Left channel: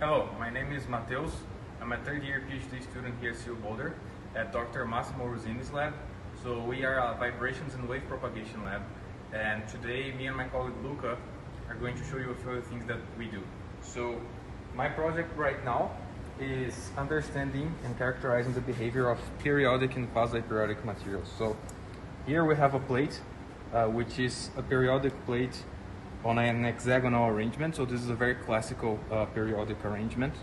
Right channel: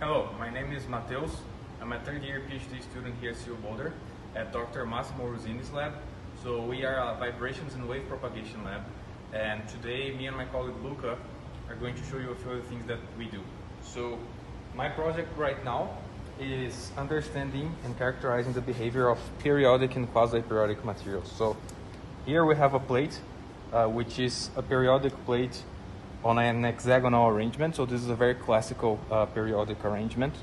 Hello, my name is Mateus. I'm a third-year PhD student here at CU Boulder at Dr. Massimo Ruzzine's lab. So we are a vibrations and wave propagation lab, and today me and my colleague Luca are going to show you a few of the things that we do. So my project right now is understanding and characterizing the behavior of periodic and quasi-periodic materials. So here we have a plate, which is a periodic plate on an hexagonal arrangement. So this is a very classical periodic arrangement.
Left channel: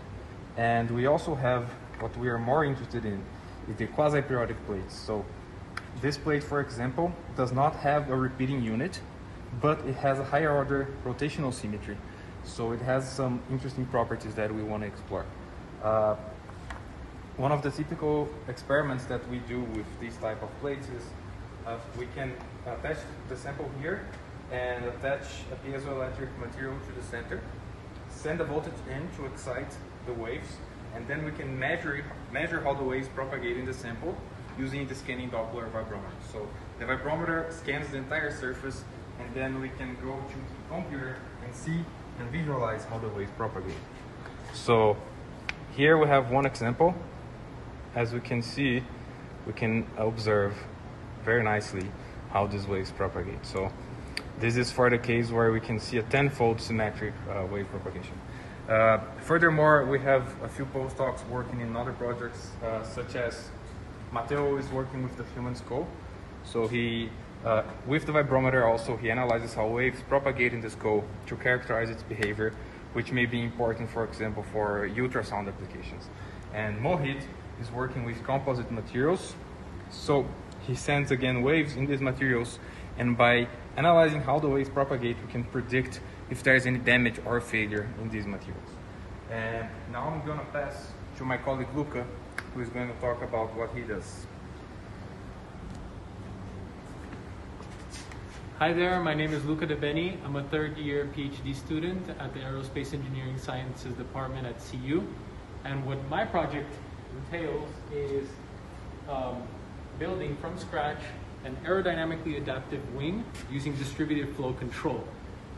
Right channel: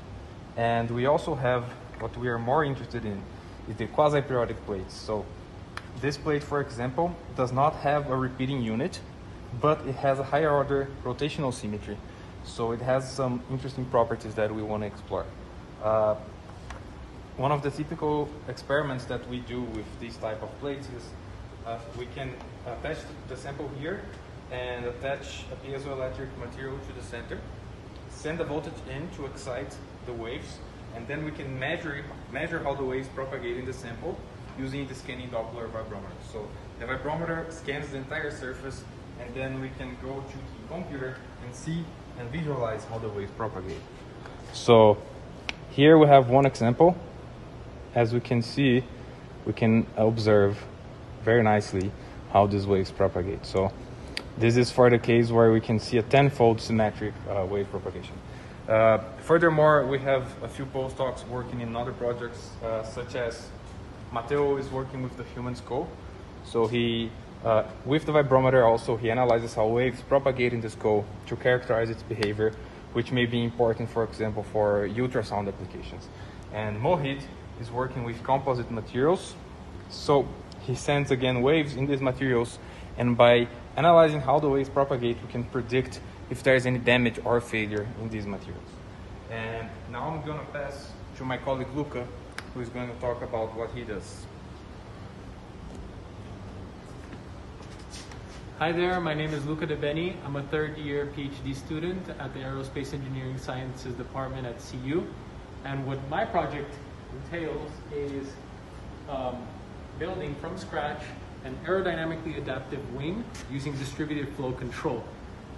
And we also have what we are more interested in is the quasi-periodic plates. So this plate, for example, does not have a repeating unit, but it has a higher order rotational symmetry. So it has some interesting properties that we want to explore. One of the typical experiments that we do with these type of plates is we can attach the sample here and attach a piezoelectric material to the center, send a voltage in to excite the waves, and then we can measure how the waves propagate in the sample using the scanning Doppler vibrometer. So the vibrometer scans the entire surface, and then we can go to the computer and see and visualize how the waves propagate. So here we have one example. As we can see, we can observe very nicely how these waves propagate. So this is for the case where we can see a tenfold symmetric wave propagation. Furthermore, we have a few postdocs working in other projects, such as Matteo is working with the human skull. So he, with the vibrometer also, he analyzes how waves propagate in the skull to characterize its behavior, which may be important, for example, for ultrasound applications. And Mohit is working with composite materials. So he sends again waves in these materials, and by analyzing how the waves propagate, we can predict if there is any damage or failure in these materials. And now I'm going to pass to my colleague Luca, who is going to talk about what he does. Hi there, my name is Luca De Beni. I'm a third-year PhD student at the Aerospace Engineering Sciences Department at CU. And what my project entails is building from scratch an aerodynamically adaptive wing using distributed flow control.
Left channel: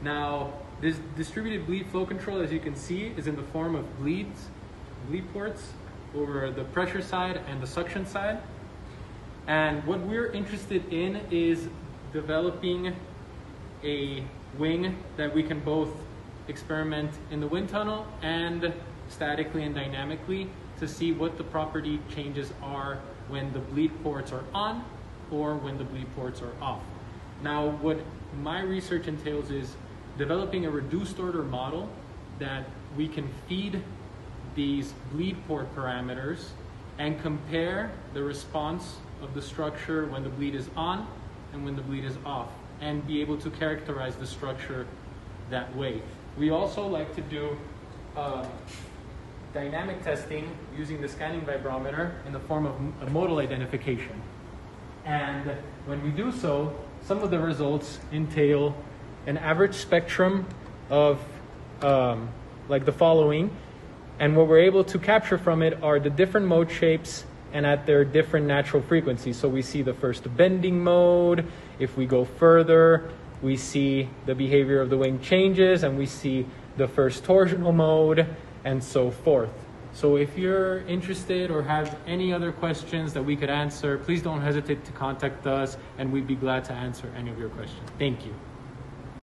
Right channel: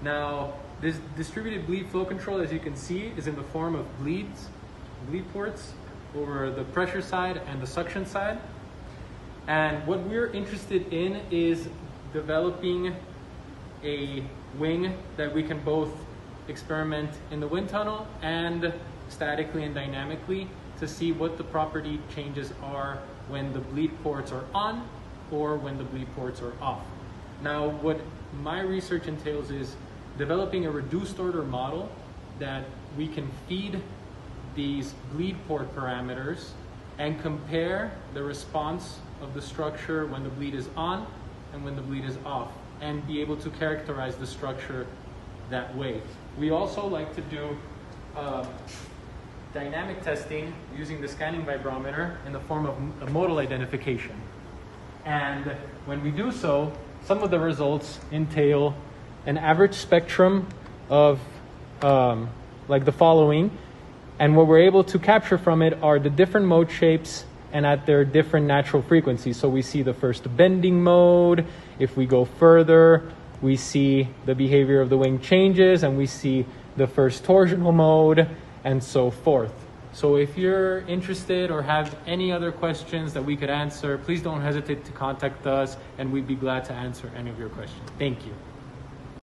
Now, this distributed bleed flow control, as you can see, is in the form of bleed ports over the pressure side and the suction side. And what we're interested in is developing a wing that we can both experiment in the wind tunnel and statically and dynamically to see what the property changes are when the bleed ports are on or when the bleed ports are off. Now, what my research entails is developing a reduced order model that we can feed these bleed port parameters and compare the response of the structure when the bleed is on and when the bleed is off, and be able to characterize the structure that way. We also like to do dynamic testing using the scanning vibrometer in the form of a modal identification. And when we do so, some of the results entail an average spectrum of like the following. And what we're able to capture from it are the different mode shapes and at their different natural frequencies. So we see the first bending mode. If we go further, we see the behavior of the wing changes, and we see the first torsional mode, and so forth. So if you're interested or have any other questions that we could answer, please don't hesitate to contact us, and we'd be glad to answer any of your questions. Thank you.